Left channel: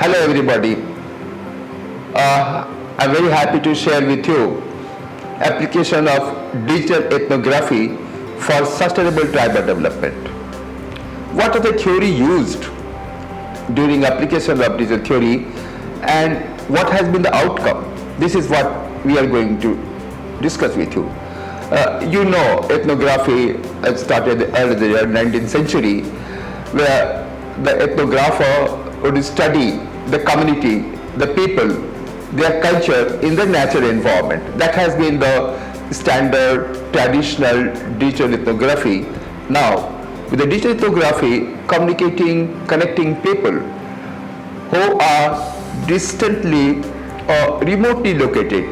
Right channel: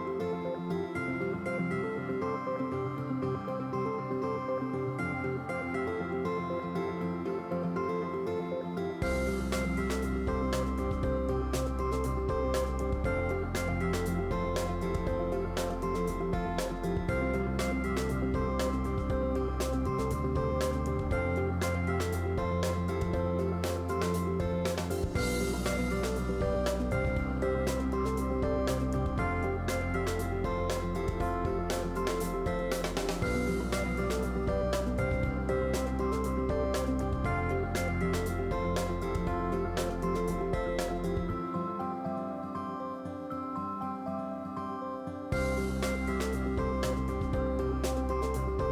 Hello everybody. I'm very happy to share with you application of digital ethnography for sustainable tribal development. What are the theory used during application of digital theory and what has been the outcome? This is what we are going to discuss with you. Ethnography started early in the 19th century where the ethnographer would study the community, the people, their culture in the natural environment. That has been the standard, traditional digital ethnography. Now, with the digital ethnography, connecting people who are distantly or remotely located.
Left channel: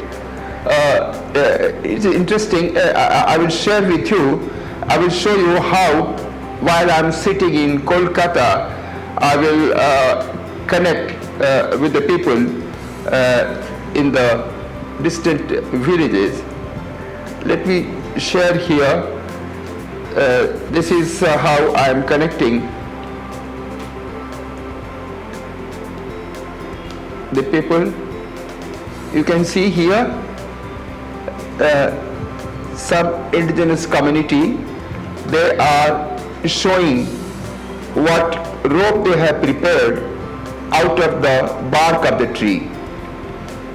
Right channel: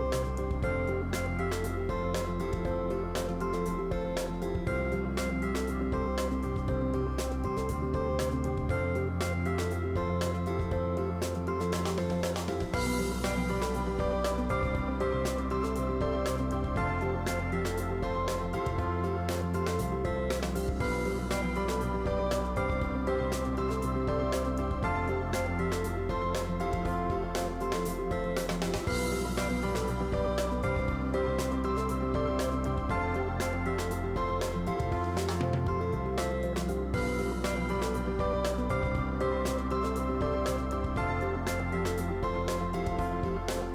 It's interesting, I will share with you, I will show you how while I'm sitting in Kolkata, I will connect with the people in the distant villages. Let me share here. This is how I am connecting the people. You can see here some indigenous community. They are showing what rope they have prepared out of the bark of the tree.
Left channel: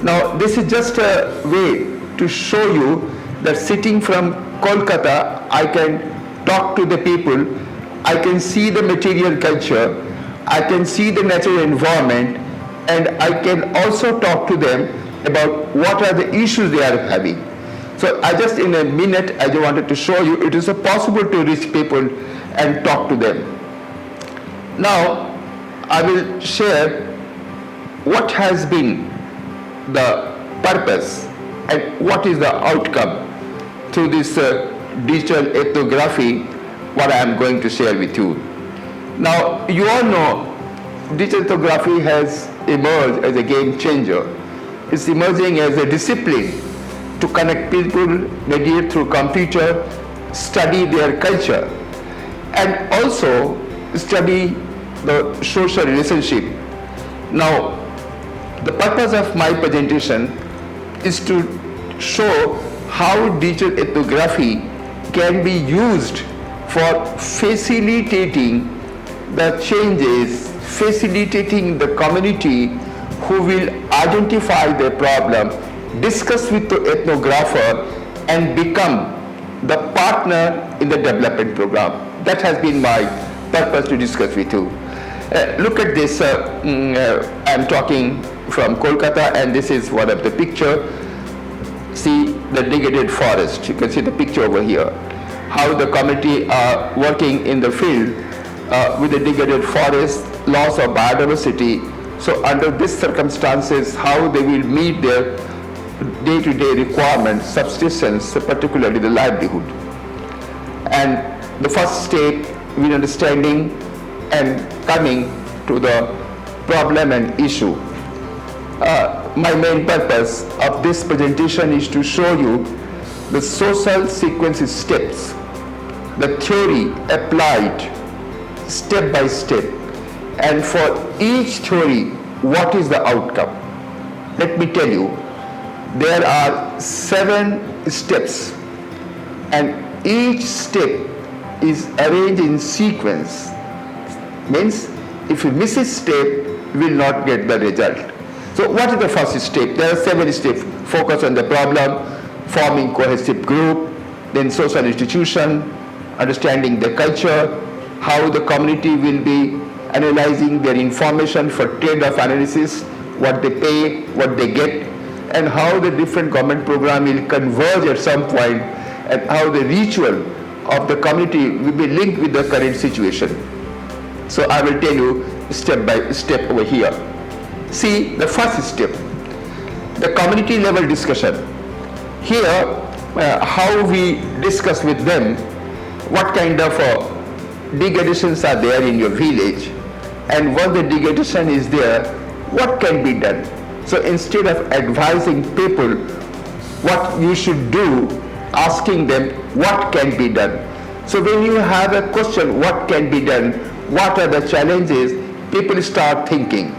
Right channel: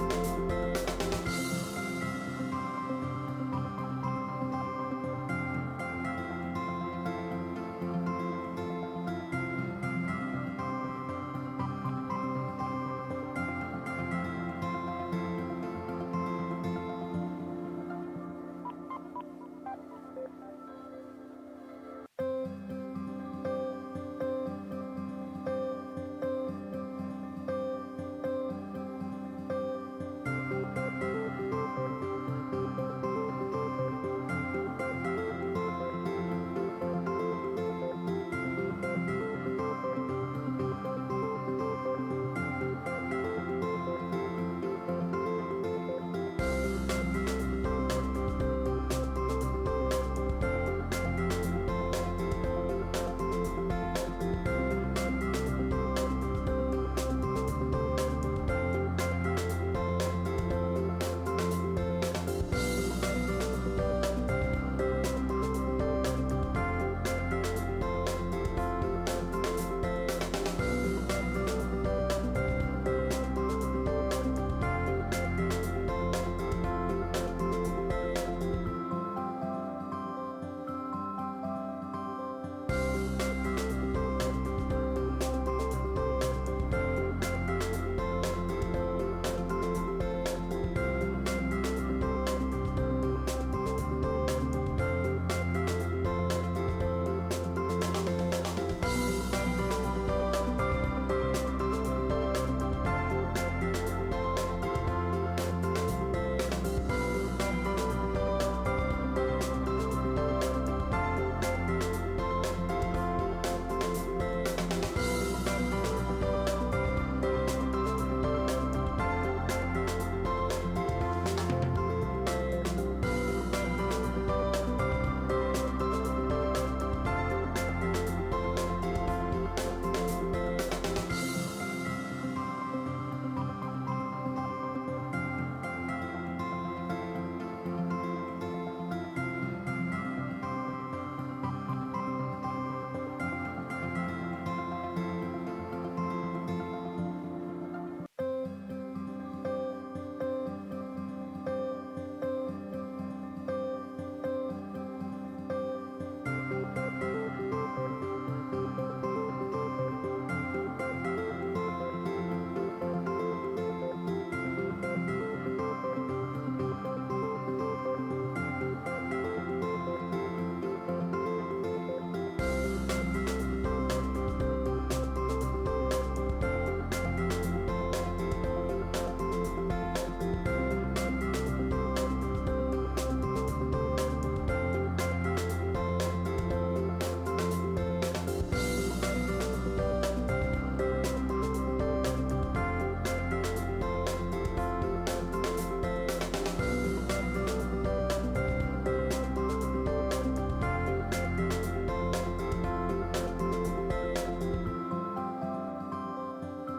Now this is just a way to show you that sitting from Kolkata, I can talk to the people, I can see the material culture, I can see the natural environment, and I can also talk to them about what are the issues they are having. So in a minute, I just wanted to show you it is possible to reach people and talk to them. Now, I will share what has been the purpose and what is the outcome through this digital ethnography, what I am going to share with you. Now, you all know digital ethnography has emerged as a game changer. It's emerging as a discipline to connect people, mediate through computer, study their culture, and also study the social relationship. Now, the purpose of my presentation is to show how digital ethnography can be used for facilitating the changes, facilitating the community who will identify their problem, discuss with the ethnographer, and become the partner in the development program. That has been my purpose to discuss with you. Look at this, I'm talking from Kolkata, and this is one of the picture. See the degraded forest, you can see the picture over here. How the community are working in the field with the degraded forest, loss of biodiversity. So under these circumstances, how they will meet their day-to-day requirements, subsistence, particularly the livelihood. And the first step in understanding and coming to the problem and issue. My main purpose of this presentation is to show you the social sequence steps, the theory applied step by step, and for each theory, what is the outcome. Let me tell you, there are 7 steps, and each step is arranged in sequence. Means if you miss a step, you will not get the result. So what is the first step? There are 7 steps. Focus on the problem, forming cohesive group, then social institution, understanding the culture, how the community will be analyzing their information for trade-off analysis, what they pay, what they get, and how the different government program will converge at some point, and how the ritual of the community will be linked with the current situation. So I will tell you step by step over here. See the first step, the community level discussion. Here, how we discuss with them, what kind of degradations are there in your village, and once the degradation is there, what can be done. So instead of advising people what you should do, asking them what can be done. So when you have a question, what can be done, what are the challenges, people start thinking.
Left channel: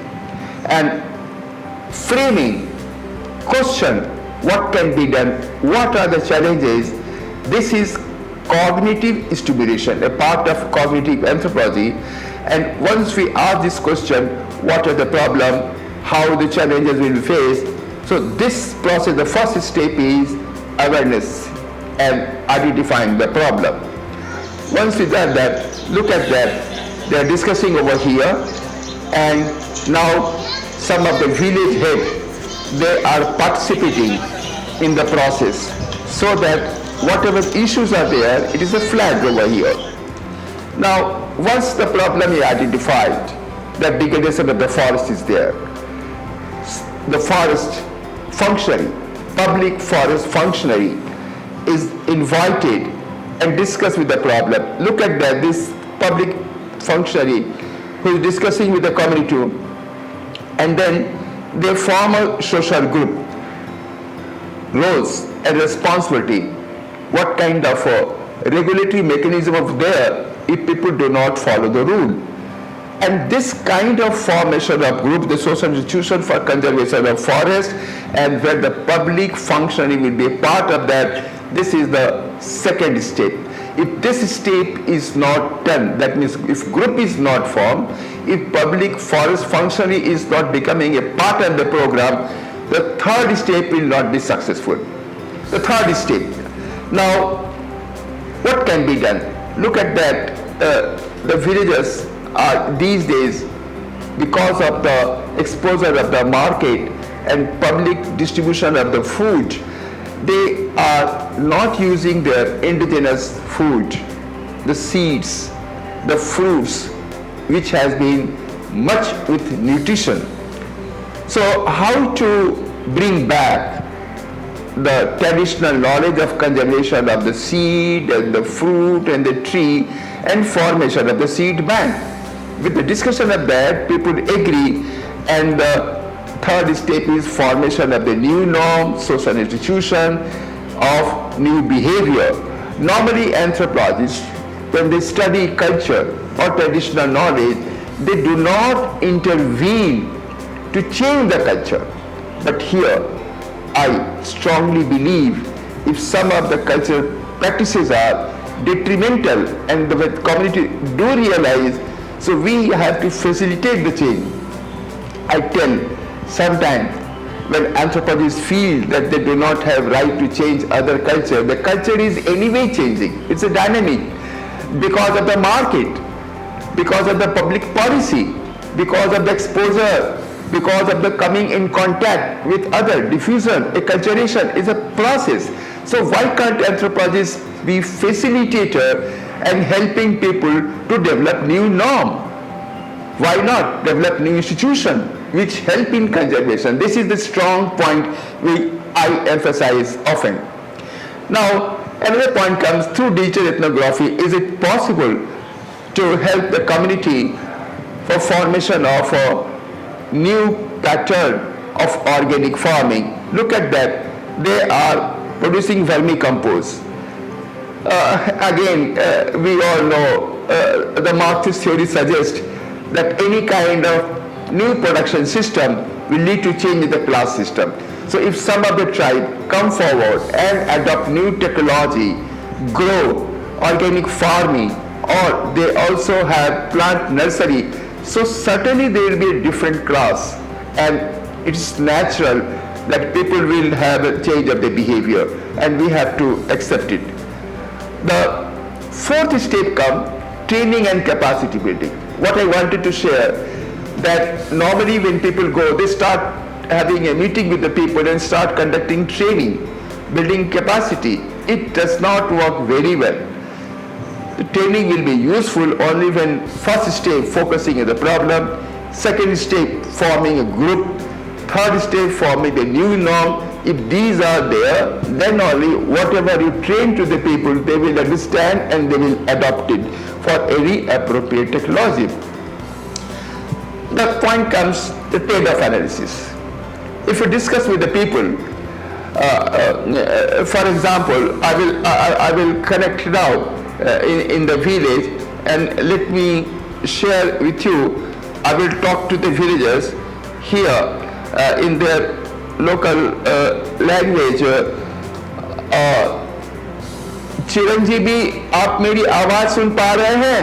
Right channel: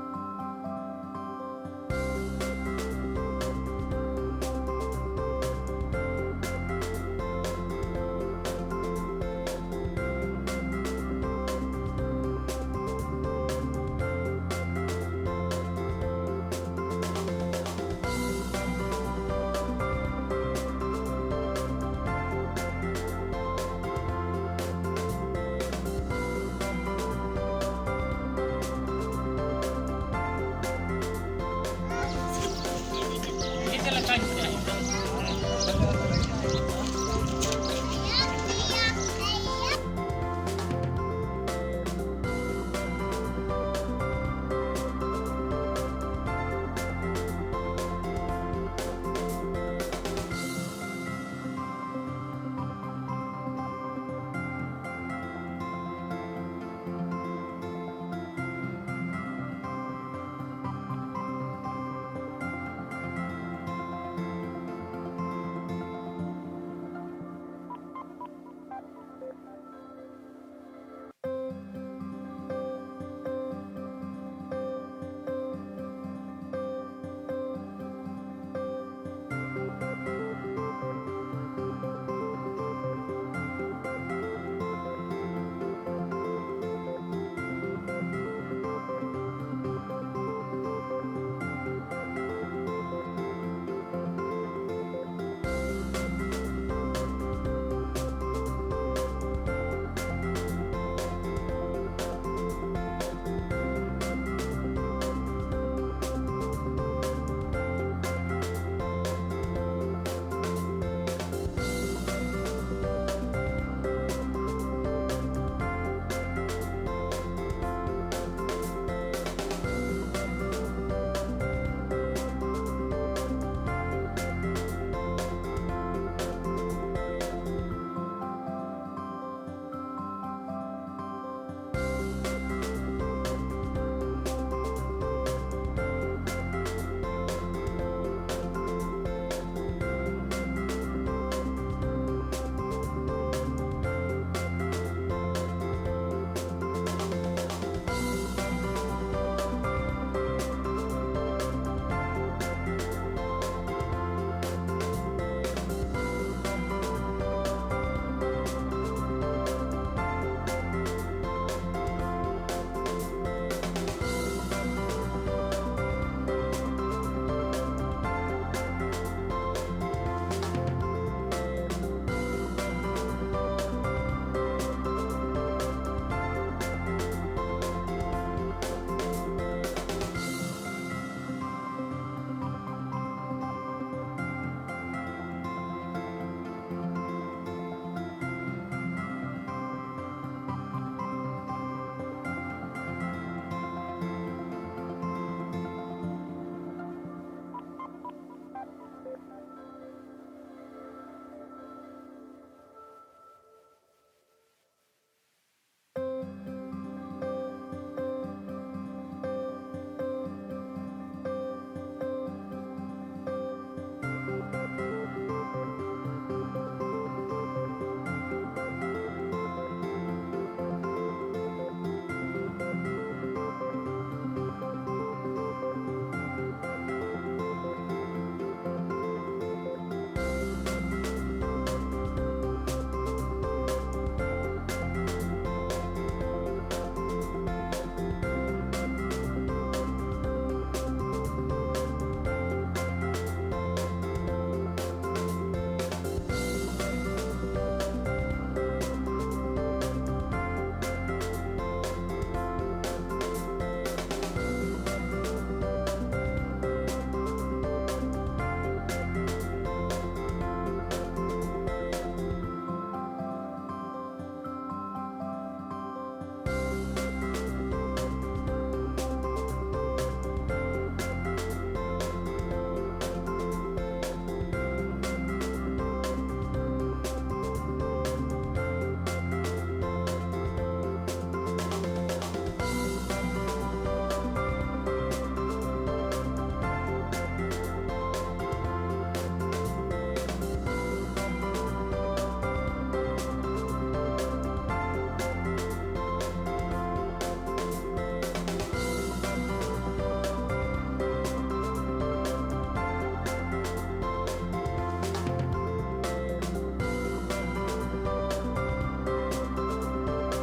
and framing, question what can be done, what are the challenges. This is cognitive stimulation, a part of cognitive anthropology. And once we ask this question, what are the problem, how the challenges will be faced, so this process, the first step is awareness and identifying the problem. Once we done that, look at that, they are discussing over here, and now some of the village heads, they are participating in the process, so that whatever issues are there, it is a flag over here. Now, once the problem is identified, that degradation of the forest is there, the forest functionary, public forest functionary is invited and discuss with the problem. Look at that, this public functionary who is discussing with the community, and then they form a social group, roles and responsibility, what kind of regulatory mechanism of there if people do not follow the rule. And this kind of formation of group, the social institution for conservation of forest, and where the public functioning will be a part of that, this is the second step. If this step is not done, that means if group is not formed, if public forest functioning is not becoming a part of the program, the third step will not be successful. The third step. Now, what can be done? Look at that, the villagers are these days, because of the exposure of the market and public distribution of the food, they are not using their indigenous food, the seeds, the fruits, which has been much with nutrition. So how to bring back the traditional knowledge of conservation of the seed and the fruit and the tree and formation of the seed bank? With the discussion of that, people agree, and the third step is formation of the new norm, social institution of new behavior. Normally anthropologists, when they study culture or traditional knowledge, they do not intervene to change the culture. But here, I strongly believe if some of the cultural practices are detrimental and the community do realize, so we have to facilitate the change. I tell sometimes when anthropologists feel that they do not have right to change other culture, the culture is anyway changing. It's a dynamic because of the market, because of the public policy, because of the exposure, because of the coming in contact with other, diffusion, acculturation is a process. So why can't anthropologists be facilitator and helping people to develop new norm? Why not develop new institution which help in conservation? This is the strong point which I emphasize often. Now, another point comes through digital ethnography. Is it possible to help the community for formation of a new pattern of organic farming? Look at that. They are producing vermicompost. We all know the Marxist theory suggests that any kind of new production system will lead to change in the class system. So if some of the tribe come forward and adopt new technology, grow organic farming, or they also have plant nursery, so certainly there will be a different class, and it's natural that people will have a change of their behavior, and we have to accept it. The fourth step comes training and capacity building. What I wanted to share, that normally when people go, they start having a meeting with the people and start conducting training, building capacity. It does not work very well. The training will be useful only when first step focusing on the problem, second step forming a group, third step forming a new norm. If these are there, then only whatever you train to the people, they will understand and they will adopt it for any appropriate technology. The point comes the trade-off analysis. If you discuss with the people, for example, I will connect now in the village, and let me share with you. I will talk to the villagers here in their local language. Chiranjeevi, आप मेरी आवाज सुन पा रहे हैं?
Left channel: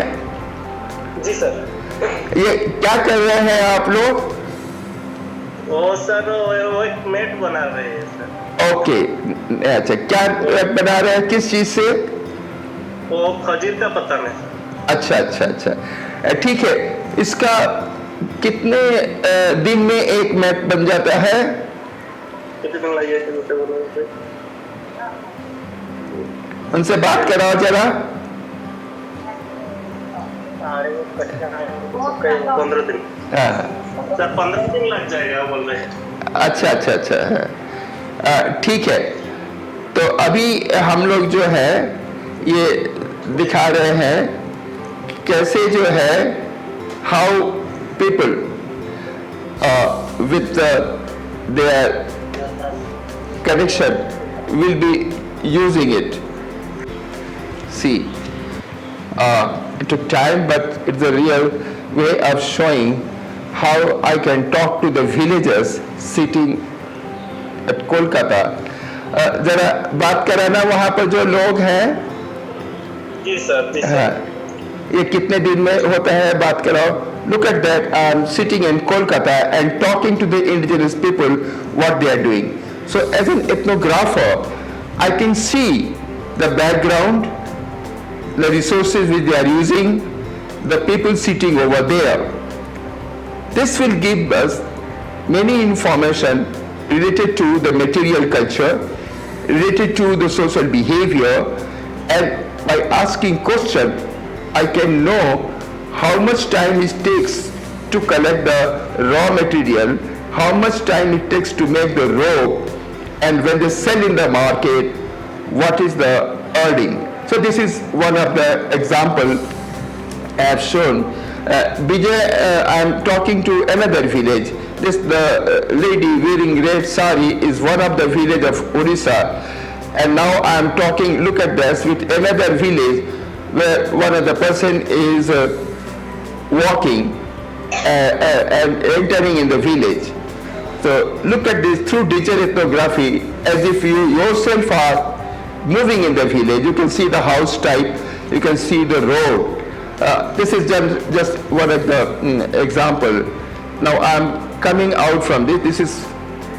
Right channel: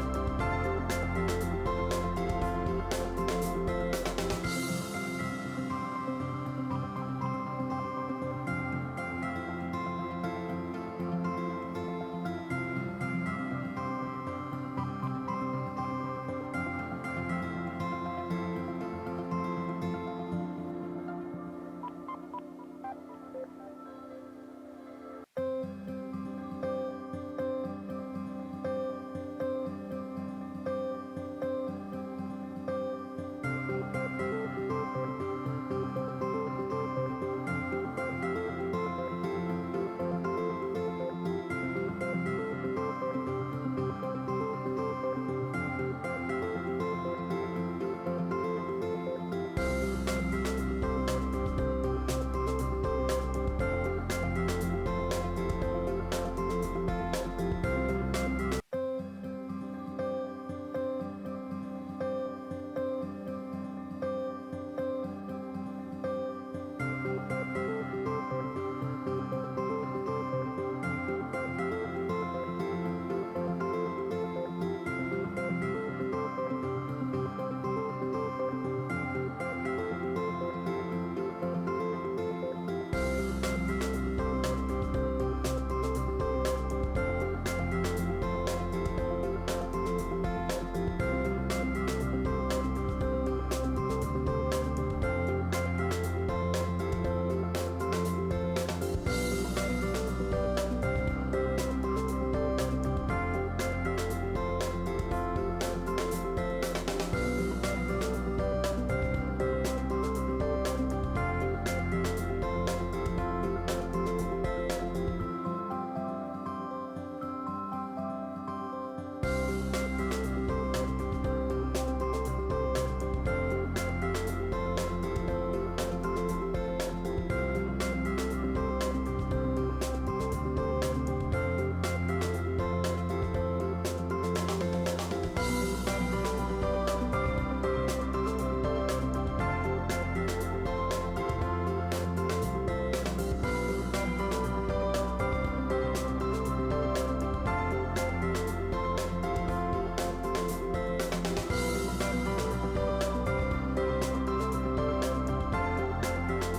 जी sir. ये क्या कर रहे हैं आप लोग? वो सर वो एक मैट बना रहे हैं सर। ओके, अच्छा, क्या बना रहे हैं, किस चीज से? वो खजूर का पत्ता में। अच्छा अच्छा अच्छा, ठीक है। इसका कितने दिन में एक मैट बन जाता है? कितने दिन लगेगा? उनसे बात कराओ जरा। 15 दिन। हाँ, सर 15 दिन लग जाएगा बोल रहे हैं। अच्छा अच्छा अच्छा, ठीक है। तो अभी हम लोग जो है ये दिखा रहे हैं कैसे जो है how people with their connection will be using it. See, it took time, but it's a real way of showing how I can talk to the villagers sitting at Kolkata. जरा बात कराना वहाँ पर जो लोग हैं. जी सर, जी हाँ, sir. ये कितने दिन में होता है, बात कराओ. Look at that, I'm sitting in Kolkata and talking to the indigenous people what they are doing. So as an ethnographer, I can see the background, the resources which they are using, the people sitting over there. This will give us many information related to the material culture, related to the social behavior, and by asking question, I can know how much time it takes to collect the raw material, how much time it takes to make the rope, and when they sell in the market, what is the earning. So this is one of the example I have shown. Vijay, I am talking to another village. This the lady wearing red sari is one of the village of Odisha, and now I am talking. Look at this with another village where one of the person is walking and entering in the village. So look at this through digital ethnography, as if you yourself are moving in the village. You can see the house type, you can see the road. This is just one of the example. Now I'm coming out from this. This is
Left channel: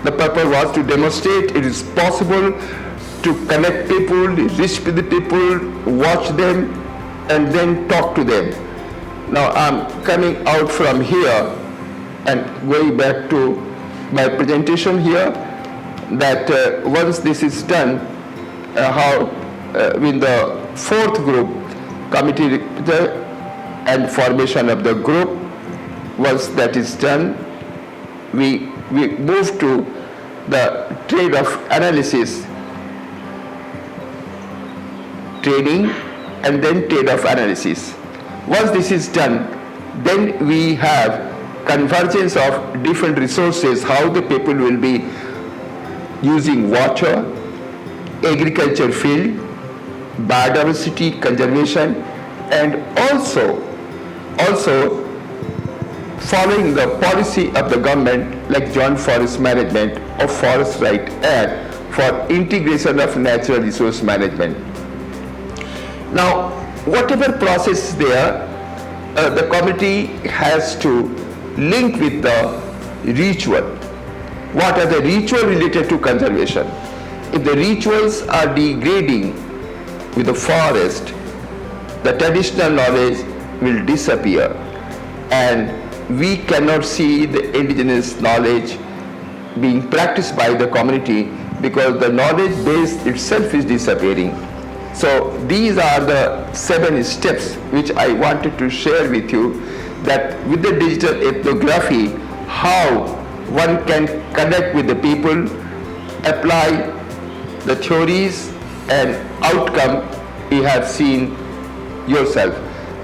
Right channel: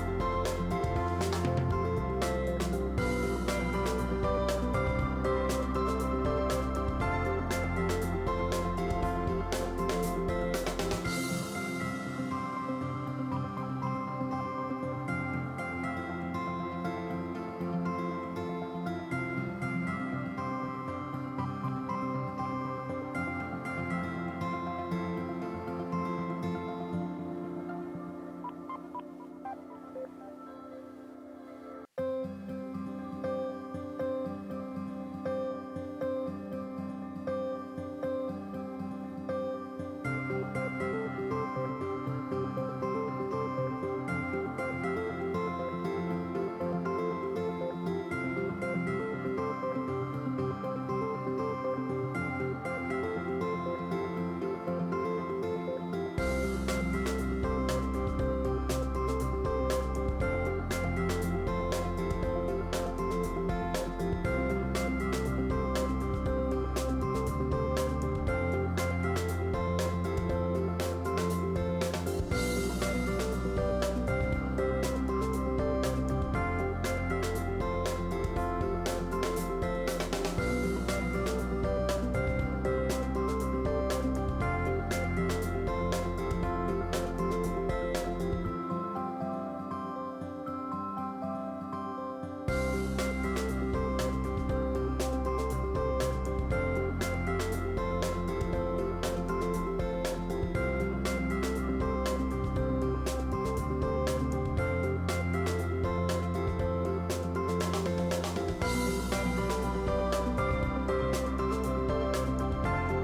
the purpose was to demonstrate it is possible to connect people, reach with the people, watch them, and then talk to them. Now I'm coming out from here and going back to my presentation here, that once this is done, how with the fourth group committee and formation of the group, once that is done, we move to the trade of analysis, trading, and then trade of analysis. Once this is done, then we have convergence of different resources, how the people will be using water, agriculture field, biodiversity conservation, and also following the policy of the government like Joint Forest Management or Forest Right Act for integration of natural resource management. Now, whatever process is there, the committee has to link with the ritual. What are the rituals related to conservation? If the rituals are degrading with the forest, the traditional knowledge will disappear, and we cannot see the indigenous knowledge being practiced by the community because the knowledge base itself is disappearing. So these are the 7 steps which I wanted to share with you, that with the digital ethnography, how one can connect with the people, apply the theories, and outcome you have seen yourself.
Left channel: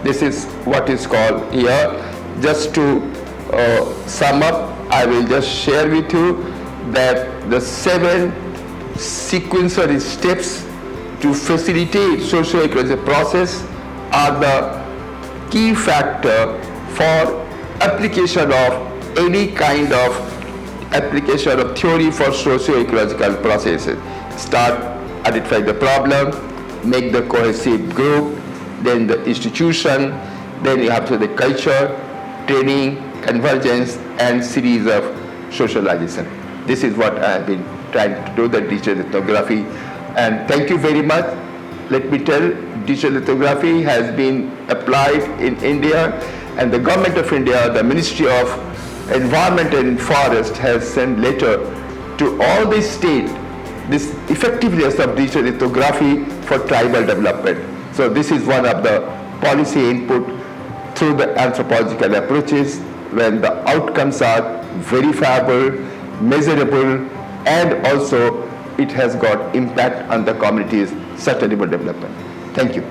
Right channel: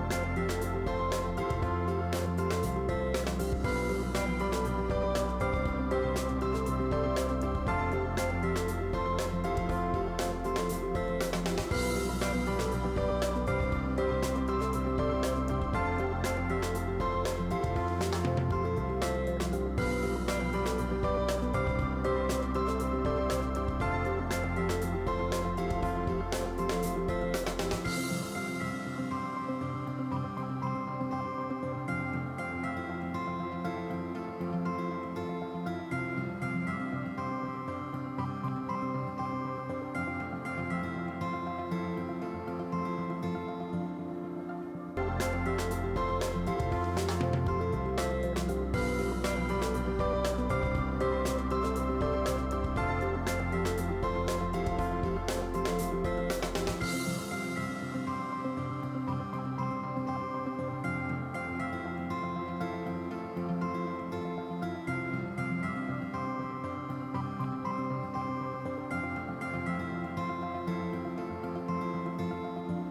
This is what is called here. Just to sum up, I will just share with you that the 7 sequential steps to facilitate socio-ecological process are the key factor for application of any kind of application of theory for socio-ecological processes. Start identify the problem, make the cohesive group, then the institution, then you have to the culture, training, convergence, and series of socialization. This is what I have been trying to do, the digital ethnography. And thank you very much. Let me tell, digital ethnography has been applied in India, and the government of India, the Ministry of Environment and Forest has sent letter to all the states this effectiveness of digital ethnography for tribal development. So this is one of the policy input through the anthropological approaches when the outcomes are verifiable, measurable, and also it has got impact on the community's sustainable development. Thank you.